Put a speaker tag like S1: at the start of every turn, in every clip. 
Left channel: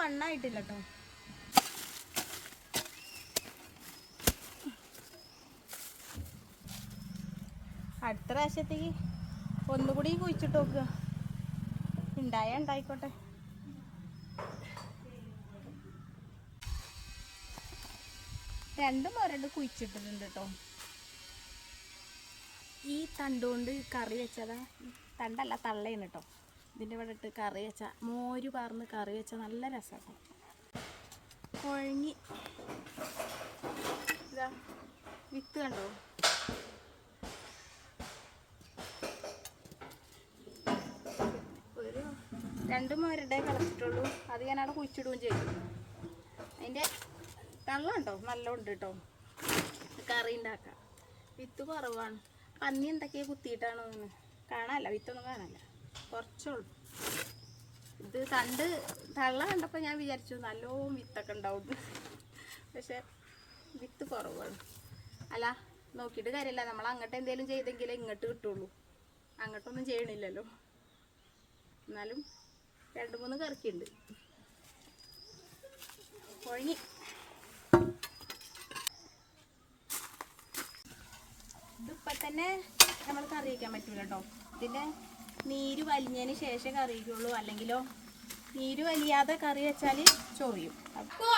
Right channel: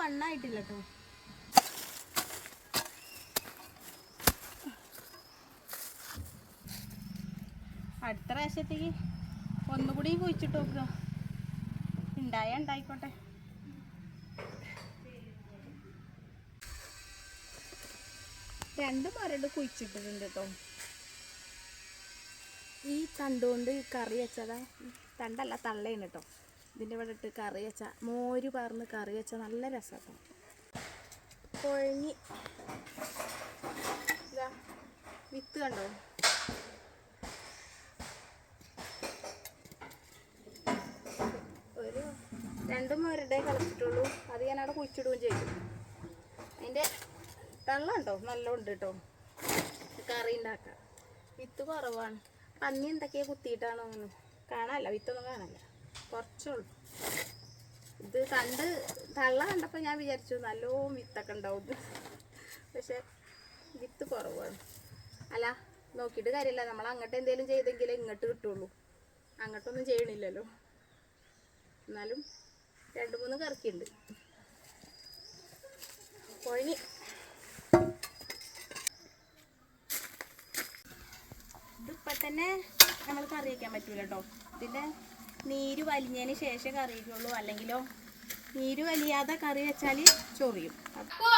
S1: മണ്ണായിട്ടില്ല കേട്ടോ അടുത്ത പ്രാവശ്യത്തേക്ക് ഒന്നുകൂടി കുഴിച്ചിട്ട് നോക്കുക. ഉണ്ടായ ഉണ്ടായിക്കോട്ടെ. രണ്ട് മരണ്ട് കുഴിച്ചിട്ടിട്ടുണ്ട് കേട്ടോ. ഈ തണ്ടുകൊണ്ട് കറി വെച്ചതാ. തണ്ടല്ല തള്ളയാണ് കേട്ടോ. ഇതിന്റെ ഇവിടെ ഇട്ട് കറി വെച്ച മോര് പാർന്ന് കറി വെച്ച നല്ല രസമാണ് കൊഴങ്ങി ഇതാ വിത്ത് കണ്ടോ? ഒരു രണ്ട് മോരുടെ കളച്ചിട്ടുള്ളൂ. അത് ഞാൻ അവിടെ കുഴിച്ചിടുകയും ചെയ്തു. അതിന്റെ തള്ള ഉണ്ടോ നല്ല ഉണ്ട് കേട്ടോ. കറി ഉണ്ടാക്കാം വിത്ത് കുറവാണ്. പന്നി എന്തൊക്കെയാ കുത്തിയിട്ടാണോ കാണാല്ല വിത്തൊന്നും കാണാനല്ല. കുറച്ചുള്ളൂ. ഇത് കണ്ട് തള്ള കണ്ടപ്പോൾ ഞാൻ വിചാരിച്ചു നല്ലോണം വിത്തൊക്കെ ഉണ്ടാവും. പക്ഷെ വിത്ത് കുറവാണ്. അല്ല നോക്കിയിട്ട് കാര്യമില്ല. നമ്മൾ അങ്ങോട്ട് എന്തെങ്കിലും ചെയ്തെങ്കിലേ ഇങ്ങോട്ട് കിട്ടുള്ളൂ. അങ്ങോട്ടൊന്നും ചെയ്യണില്ലല്ലോ. എന്നാലും രണ്ട് മൂന്ന് കറക്കിയുണ്ട് കൊഴിഞ്ഞ് ഇതിപ്പോൾ തന്നെ നമ്മൾ കറി വയ്ക്കാൻ പറ്റൂല കേട്ടോ ഇതിന്റെ നീര് വലിഞ്ഞതിന് ശേഷം കറി വയ്ക്കുള്ളൂ അല്ലെങ്കിലോ നീര് വലിയാതെ കറി വെച്ചാൽ ചൊറിയും.
S2: അപ്പോ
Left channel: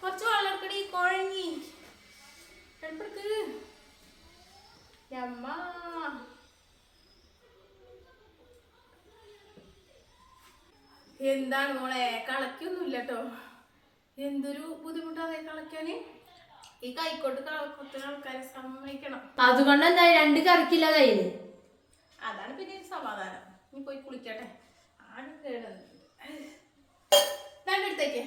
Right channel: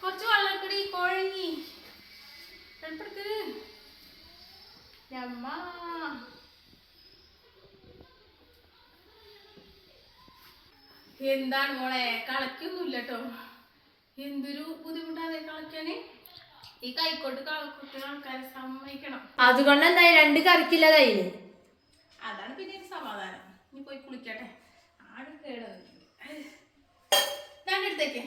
S2: കുറച്ച് വെള്ളം എടുക്കടി കുഴങ്ങി അമ്മ എന്താണ് മോളെ? കളക്കൊന്നുമില്ല കേട്ടോ എന്തൊരു ബുദ്ധിമുട്ടാണ് കളക്കാന് ഈ കൈക്കോട്ട് കളക്കുന്ന ആൾക്കാരെ സമ്മതിക്കണം.
S3: അതുകൊണ്ട് എന്തായി രണ്ട് കറിക്കില്ലതായില്ലേ?
S2: അതാണ് പിന്നെ സമാധാനം. നീ പോയി കുളിക്കട്ടെ. ആട് ഞാൻ രണ്ടെടുത്തേക്ക്